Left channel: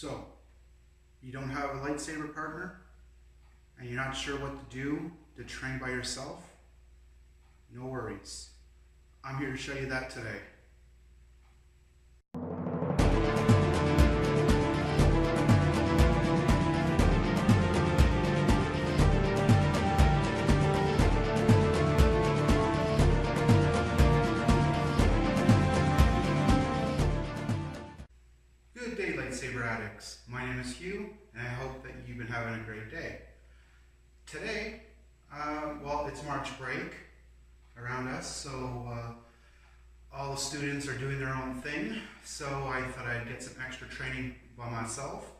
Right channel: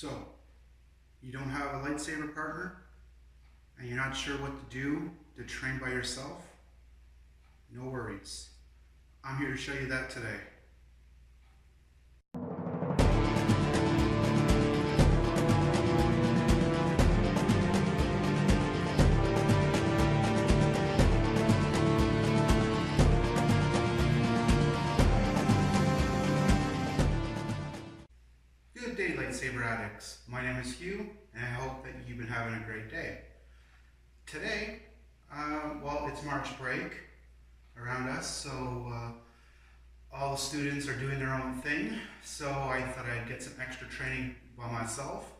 So, you don't have a lightsaber partner, and you're not sure what to do to train by yourself? No worries. I'm here to show you that today. Good day, Lightsaber Addicts. My name is Hugh, and I hope that you've been having a great day. Today, it's March break around us, so all the students are doing their own thing, so I thought I'd get some extra training by myself.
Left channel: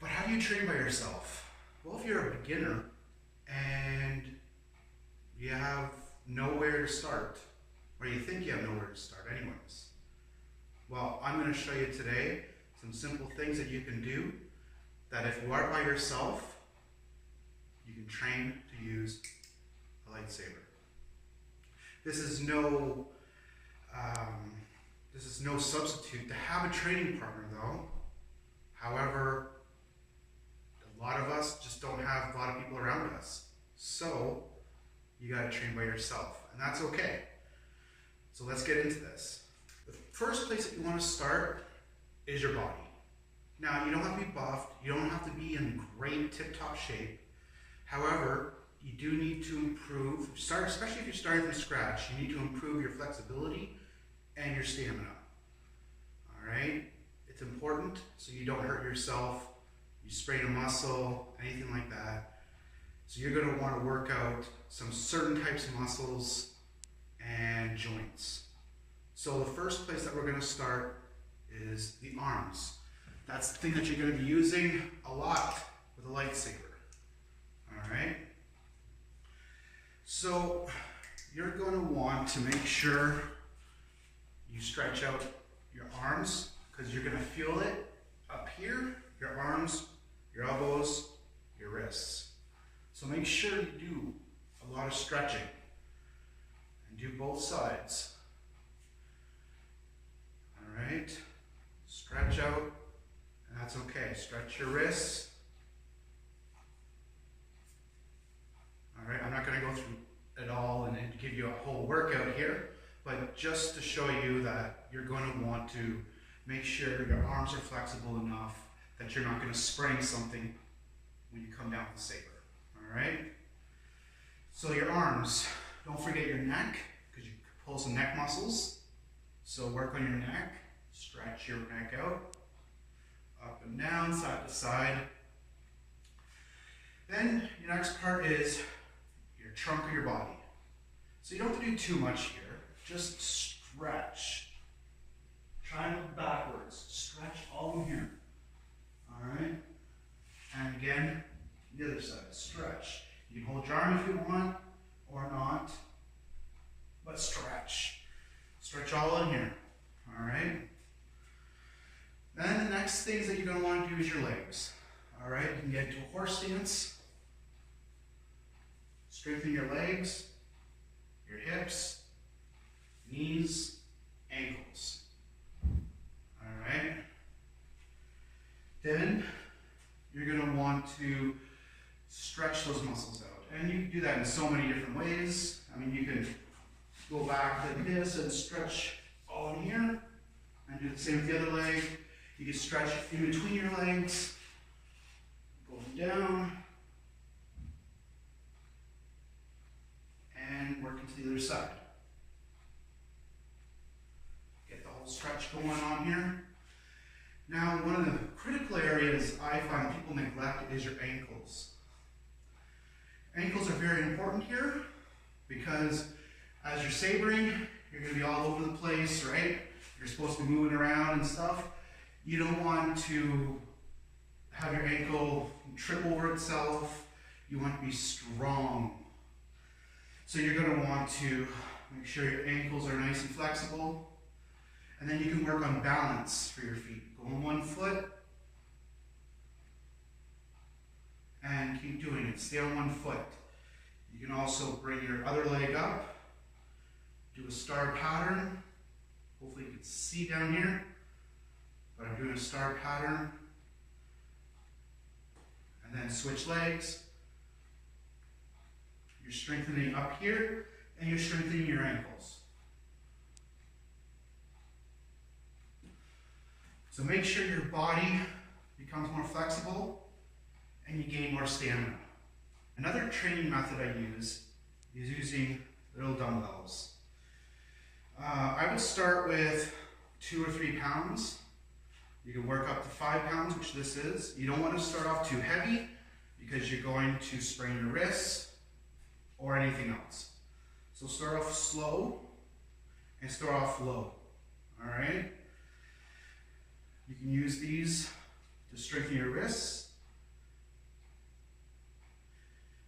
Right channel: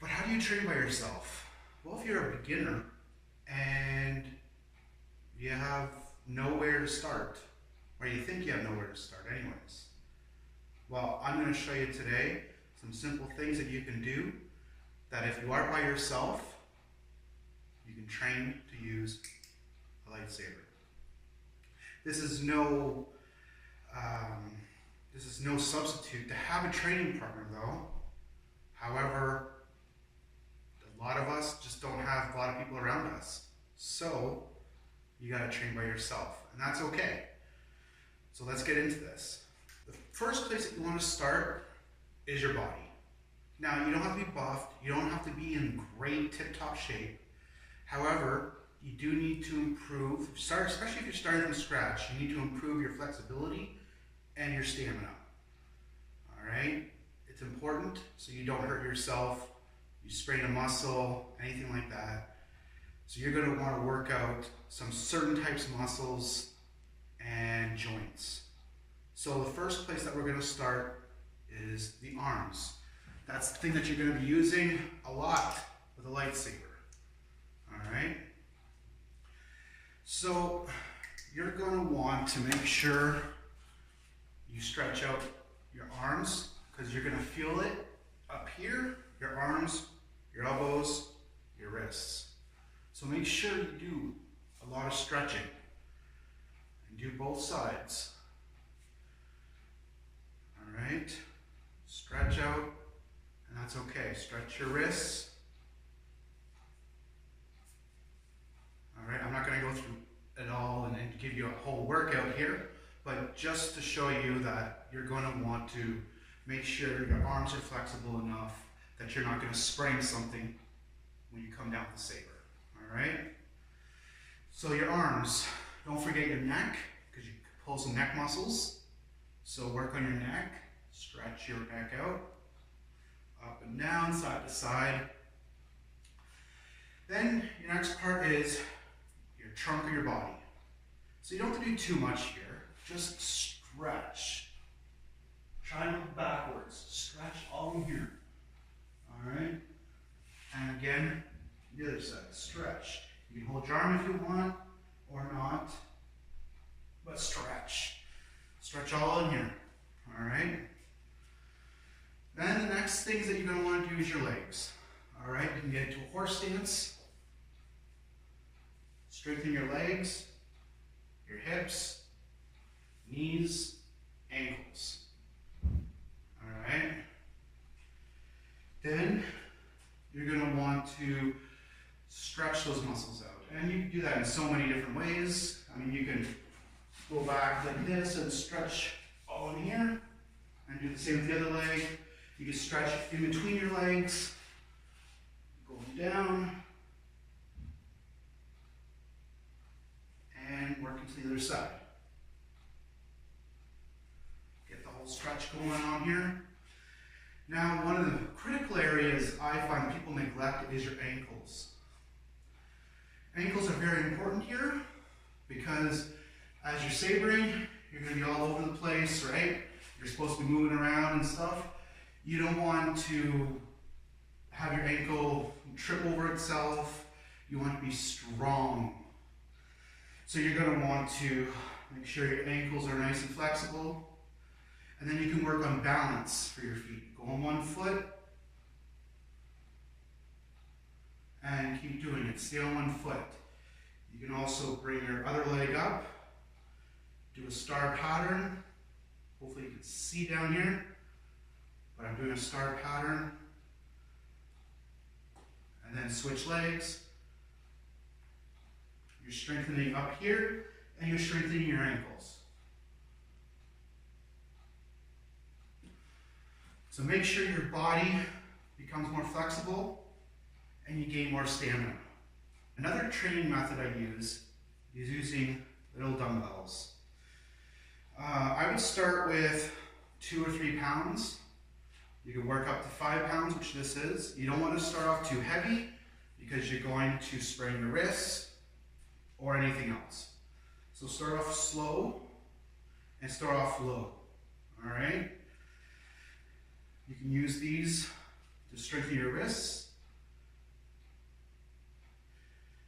But how do you train by yourself? Well, if you're a beginner and you have nowhere to start, or you think you have nowhere to start anyways, well, I'm going to show you today some simple things that you can do that if you are by yourself, you can train to use a lightsaber. This is no substitute to have a training partner though. However, a lot of us just don't have a lot of people around us. So you got to train by yourself, and that's okay. So let's get into this. The first place that you want to start is your body. Now, you don't have to be buffed, you don't have to be in great tip-top shape. However, you do need to improve, especially if you're starting from scratch, you need to improve your flexibility and your stamina. All right? It's important so you don't hurt yourself, you sprain a muscle, anything like that. So you're going to want to work out some certain types of muscles and joints. So the first place that we're going to start is the arms. That's the thing that you're going to be using a lot with a lightsaber. All right? So you're going to want to make sure you stretch out your arms, because you're going to feel it up here, your arms, your elbows, your wrists. So make sure you do a lot of stretching and do both sides. All right? Stretch out, and that's okay. Stretch your wrists. All right, I'm not going to go through it all and give you a whole workout here, but just to show you that you're going to want to make sure your arms are flexible enough that you're not going to sprain something when you come down with the saber. All right? So your arms, don't forget your neck, because you can pull some neck muscles. So work on your neck, stretch your neck out, up and down, side to side. Then your next part is your trunk of your body. So you don't have to do too much here, just stretch. Triangle backwards, stretch all in here. All right? And again, the other side, stretch. You can hold your arm if you want, or not, but stretch. Stretch all in here. All right? Then the next things that you're going to want to do is your legs. All right? You can get into a horse stance. Strengthen your legs, your hips, knees, ankles. All right? Then you're going to want to stretch those muscles out. And you can do that in so many different ways. I mean, you can go back like this and stretch all in here, and do the same with the other leg. You can stretch in between your legs, going down, and work into the other side. Get the whole stretch going on here. Now, one of the critical areas I find people neglect is your ankles. Ankles are very important here because as you're sabering, you're going to be all over the place, right? You're supposed to be moving around and stuff. You don't want to have your ankle trip over itself. You want to be strong. So you're going to want to make sure your ankles are nice and flexible. And then you can work on balance for your feet. Go on one foot and keep doing it. Stay on one foot. You can also bring your other leg up. Do a star pattern. Hopefully you can see down here, but I'm doing a star pattern, and then switch legs. You're strengthening up here, and you're strengthening your ankles. So make sure your body becomes more flexible and you gain more stamina. Another training method I use is using little dumbbells. I would start with 2 or 3 pounds. You can work up to 5 pounds, which this is. You don't want to start off too heavy because you're going to sprain your wrists or anything else. So start off slow and start off low, all right? You can use these to strengthen your wrists.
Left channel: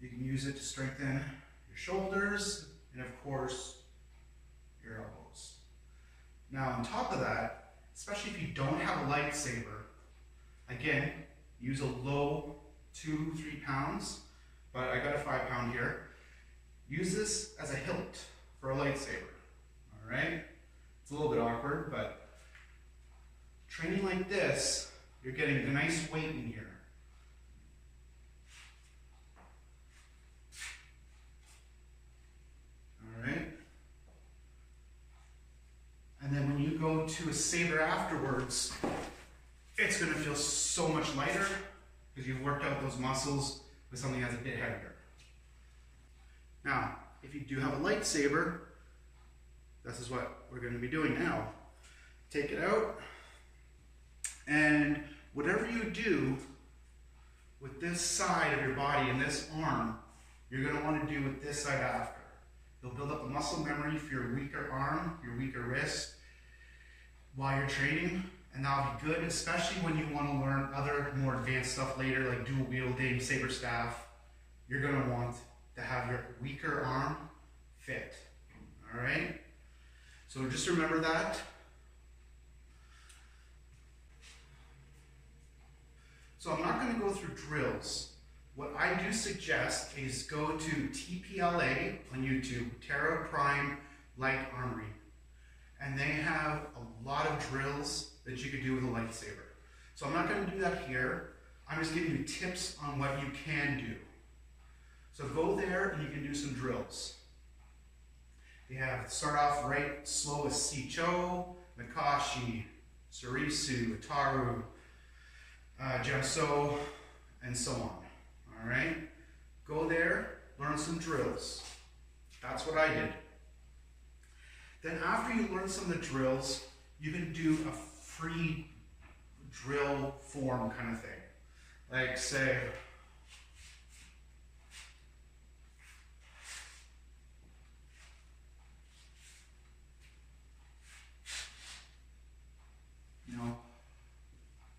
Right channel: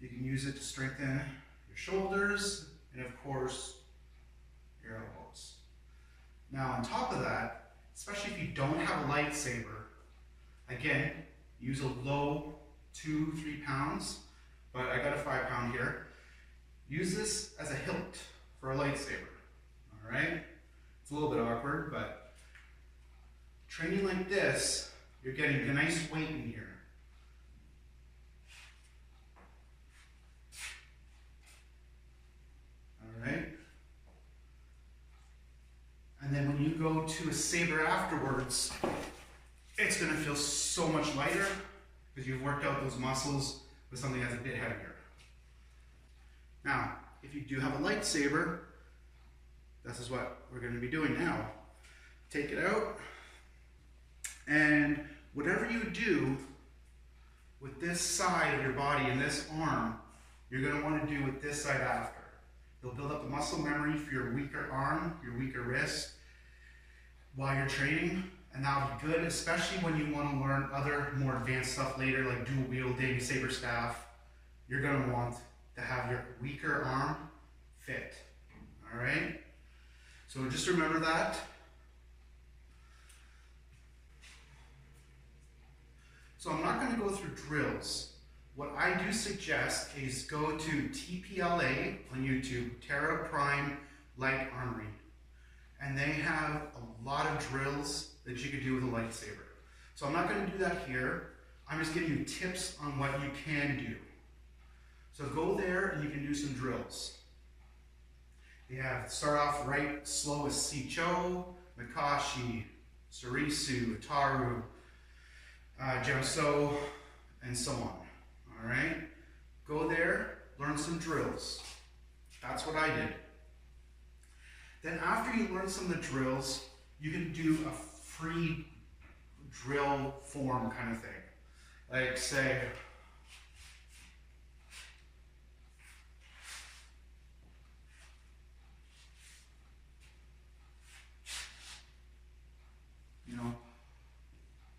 You can use it to strengthen your shoulders and, of course, your elbows. Now, on top of that, especially if you don't have a lightsaber, again, use a low 2-3 pounds, but I got a 5 pound here. Use this as a hilt for a lightsaber, all right? It's a little bit awkward, but training like this, you're getting a nice weight in here. All right? And then when you go to a saber afterwards, it's going to feel so much lighter because you've worked out those muscles with something that's a bit heavier. Now, if you do have a lightsaber, this is what we're going to be doing now. Take it out, and whatever you do with this side of your body and this arm, you're going to want to do with this side after. You'll build up the muscle memory for your weaker arm, your weaker wrist while you're training, and that'll be good, especially when you want to learn other more advanced stuff later, like dual wielding, saber staff. You're going to want to have your weaker arm fit, all right? So just remember that. So I'm not going to go through drills. What I do suggest is go to TPLA on YouTube, Terra Prime Light Armory, and they have a lot of drills that you could do with a lightsaber. So I'm not going to do that here. I'm just giving you tips on what you can do. So go there and you can do some drills. They have, start off right slow as Sicho, Makashi, Sarisu, Ataru, Jamso, and so on. All right? Go there, learn some drills. That's what I did. Then after you learn some of the drills, you can do a free drill form kind of thing. Like say,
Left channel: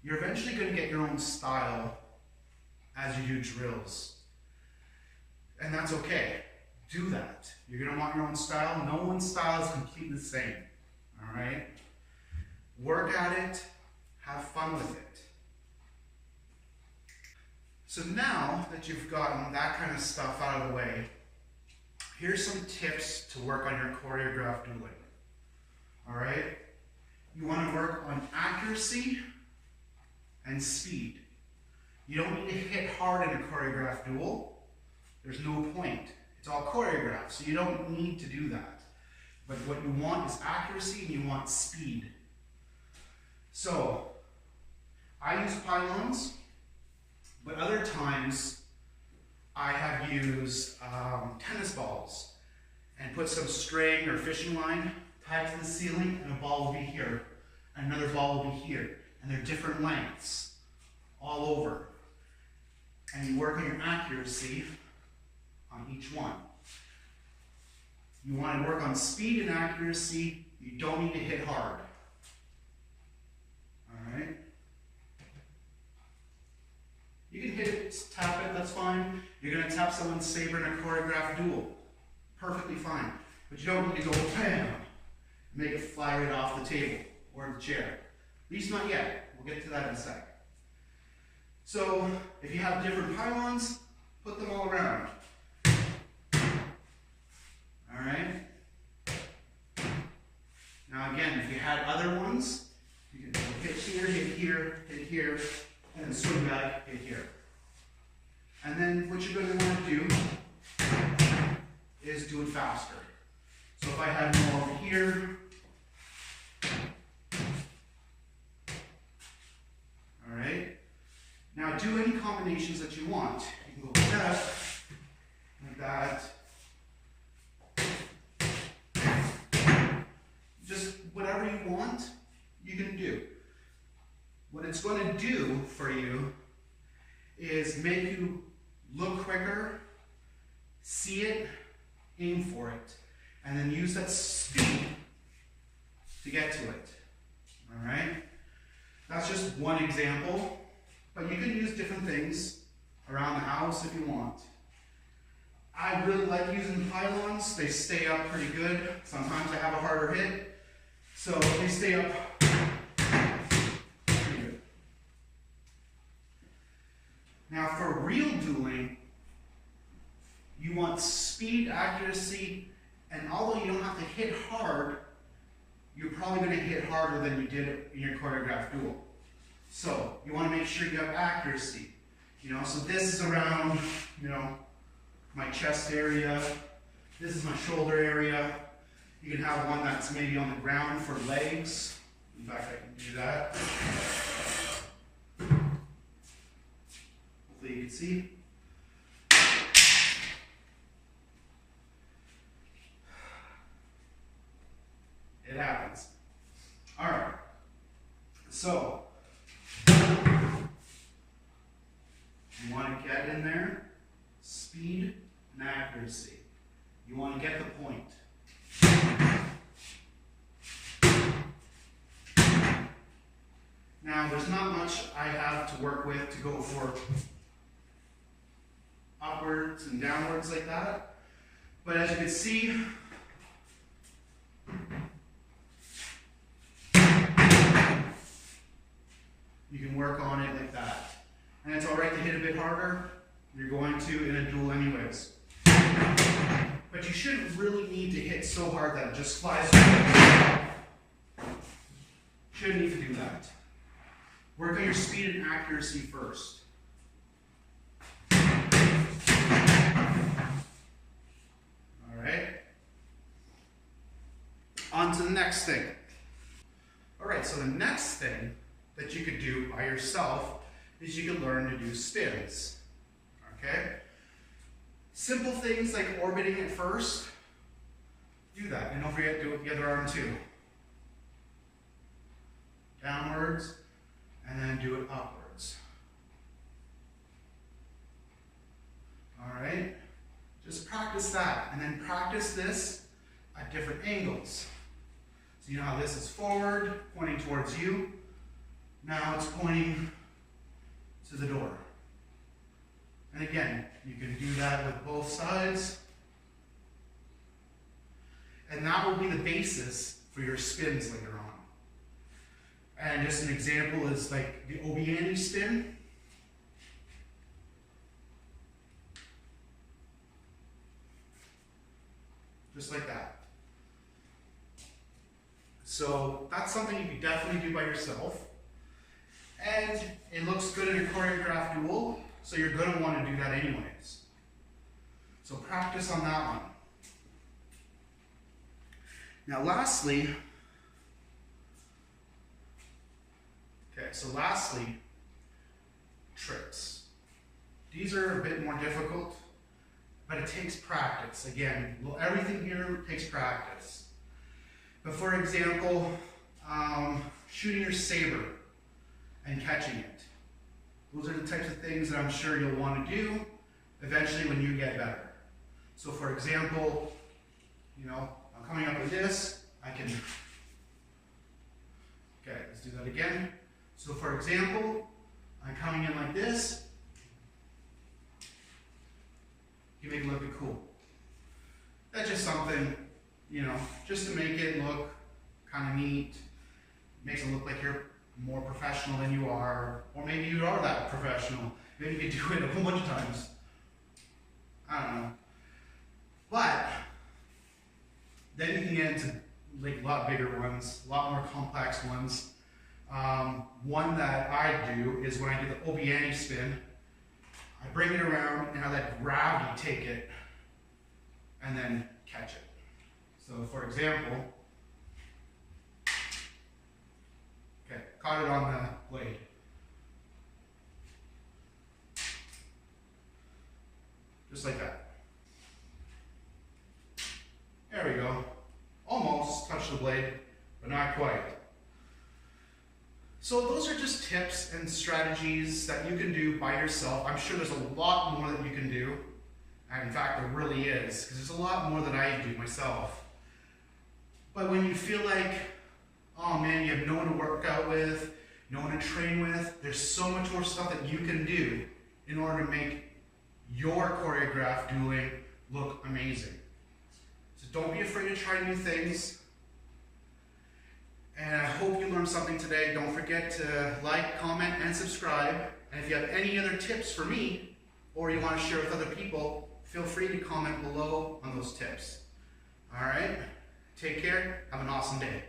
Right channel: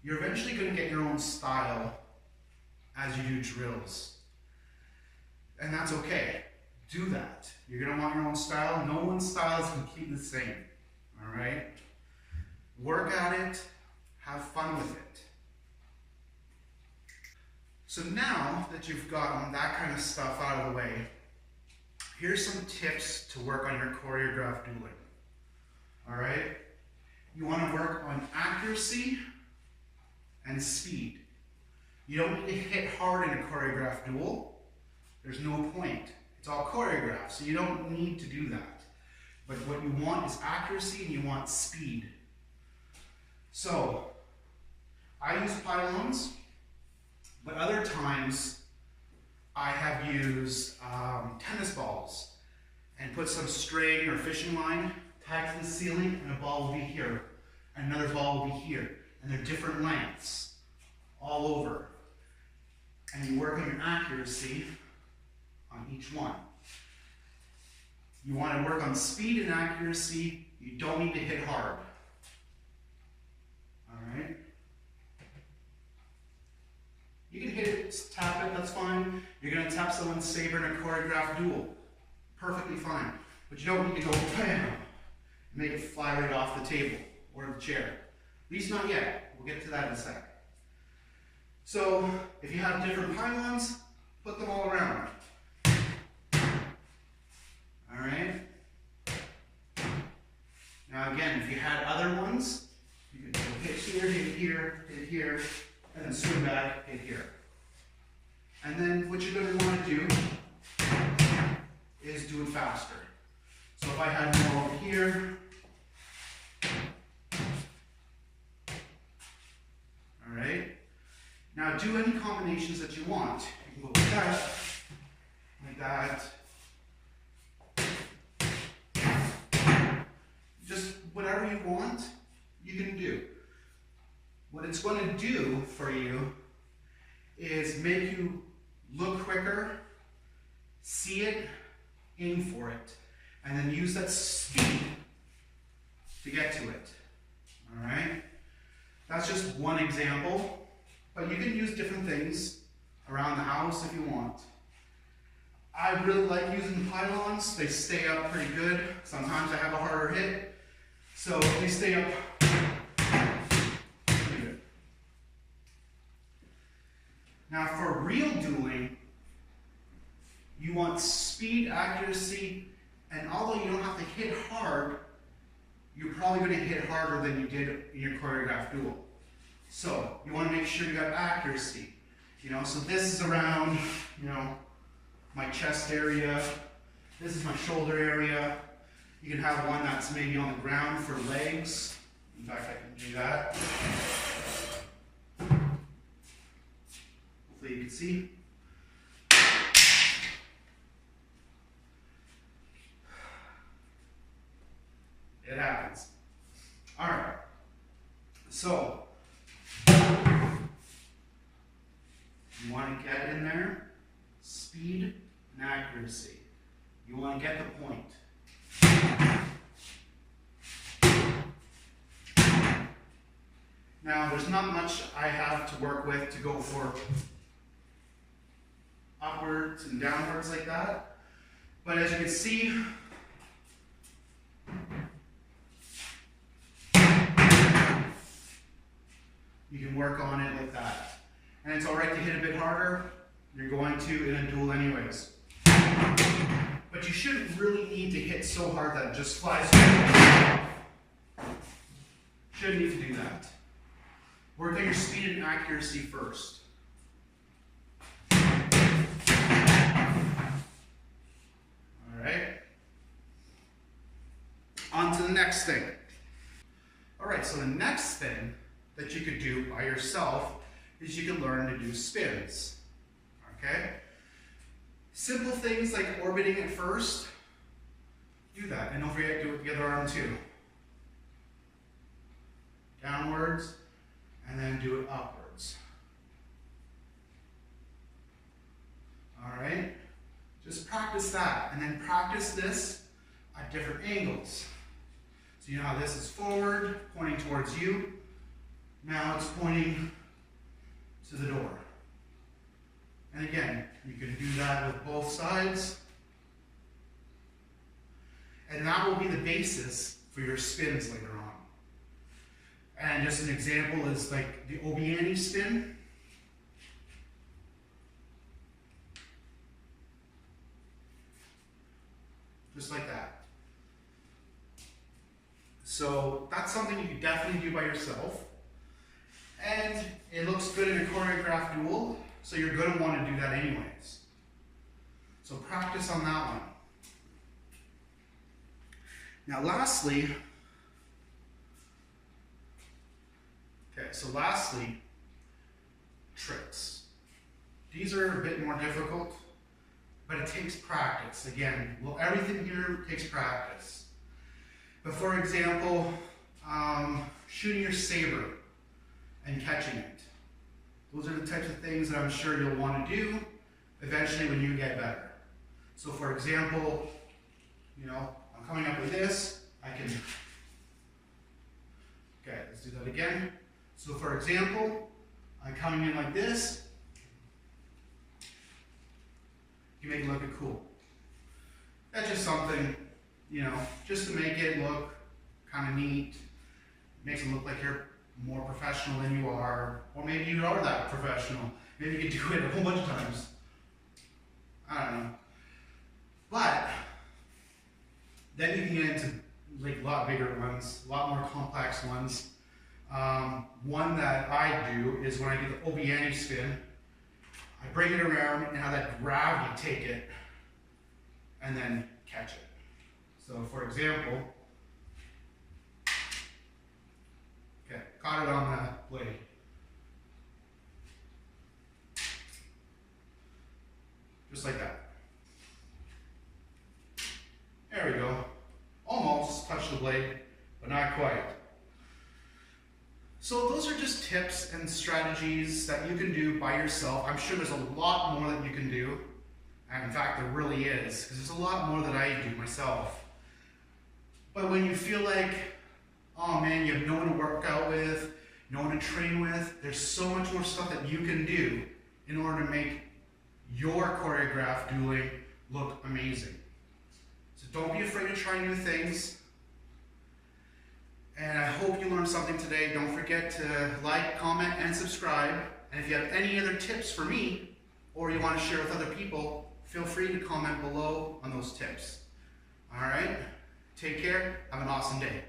you're eventually going to get your own style as you do drills. And that's okay. Do that. You're going to want your own style. No one's style is completely the same. All right? Work at it. Have fun with it. So now that you've gotten that kind of stuff out of the way, here's some tips to work on your choreographed dueling. All right? You want to work on accuracy and speed. You don't need to hit hard in a choreographed duel. There's no point. It's all choreographed, so you don't need to do that. But what you want is accuracy and you want speed. So, I use pylons, but other times I have used tennis balls and put some string or fishing line tied to the ceiling, and a ball will be here, and another ball will be here. And they're different lengths all over. And you work on your accuracy on each one. You want to work on speed and accuracy. You don't need to hit hard. All right? You can hit it, tap it, that's fine. You're going to tap someone's saber in a choreographed duel. Perfectly fine. But you don't need to go bam, make it fly right off the table or the chair. At least not yet. We'll get to that in a second. So, if you have different pylons, put them all around. All right? Now again, if you had other ones, you can hit here, hit here, and then swing back, hit here. And then what you're going to want to do is do it faster. So if I had more over here, all right. Now do any combinations that you want. You can go like that, just whatever you want, you can do. What it's going to do for you is make you look quicker, see it, aim for it, and then use that speed to get to it. All right? That's just one example, but you can use different things around the house if you want. I really like using the pylons. They stay up pretty good. Sometimes I have a harder hit, so they stay up pretty good. Now for real dueling, you want speed, accuracy, and although you don't have to hit hard, you're probably going to hit harder than you did in your choreographed duel. So you want to make sure you have accuracy. So this is around, my chest area. This is my shoulder area. You can have one that's maybe on the ground for legs. In fact, I can do that. Hopefully you can see. It happens. All right. So you want to get in there, speed and accuracy. You want to get the point. Now, there's not much I have to work with to go for upwards and downwards like that. But as you can see, you can work on it like that. And it's alright to hit a bit harder. You're going to in a duel anyways. But you shouldn't really need to hit so hard that it just flies away. Shouldn't need to do that. Work on your speed and accuracy first. Alright. On to the next thing. Alright, so the next thing that you could do by yourself is you can learn to do spins. Okay? Simple things like orbiting it first, do that. And don't forget to do it with the other arm too. Downwards, and then do it upwards. Alright? Just practice that, and then practice this at different angles. So you know how this is forward, pointing towards you. Now it's pointing to the door. And again, you can do that with both sides. And that will be the basis for your spins later on. And just an example is like the Obiani spin. Just like that. So that's something you can definitely do by yourself. And it looks good in a choreographed duel, so you're going to want to do that anyways. So practice on that one. Now lastly, tricks. These are a bit more difficult, but it takes practice. Again, everything here takes practice. But for example, shooting your saber and catching it. Those are the types of things that I'm sure you'll want to do eventually when you get better. So for example, I'm coming up with this, okay, let's do that again. So for example, I'm coming in like this, you make it look cool. That's just something, just to make it look kind of neat. Makes it look like you're more professional than you are, or maybe you are that professional. Maybe you could do it a whole bunch of times. I don't know. But then you can get into like a lot bigger ones, a lot more complex ones. One that I do is when I do the Obiani spin, I bring it around and I let gravity take it and then catch it. So for example, okay, caught it on the blade. Just like that. There we go. Almost touched the blade, but not quite. So those are just tips and strategies that you can do by yourself. I'm sure there's a lot more that you can do. And in fact, there really is, because there's a lot more that I do myself. But when you feel like, oh man, you have no one to work out with, no one to train with, there's so much more stuff that you can do in order to make your choreographed dueling look amazing. So don't be afraid to try new things. And I hope you learned something today. Don't forget to like, comment, and subscribe. And if you have any other tips for me, or you want to share with other people, feel free to comment below on those tips. All right? Take care. Have an awesome day.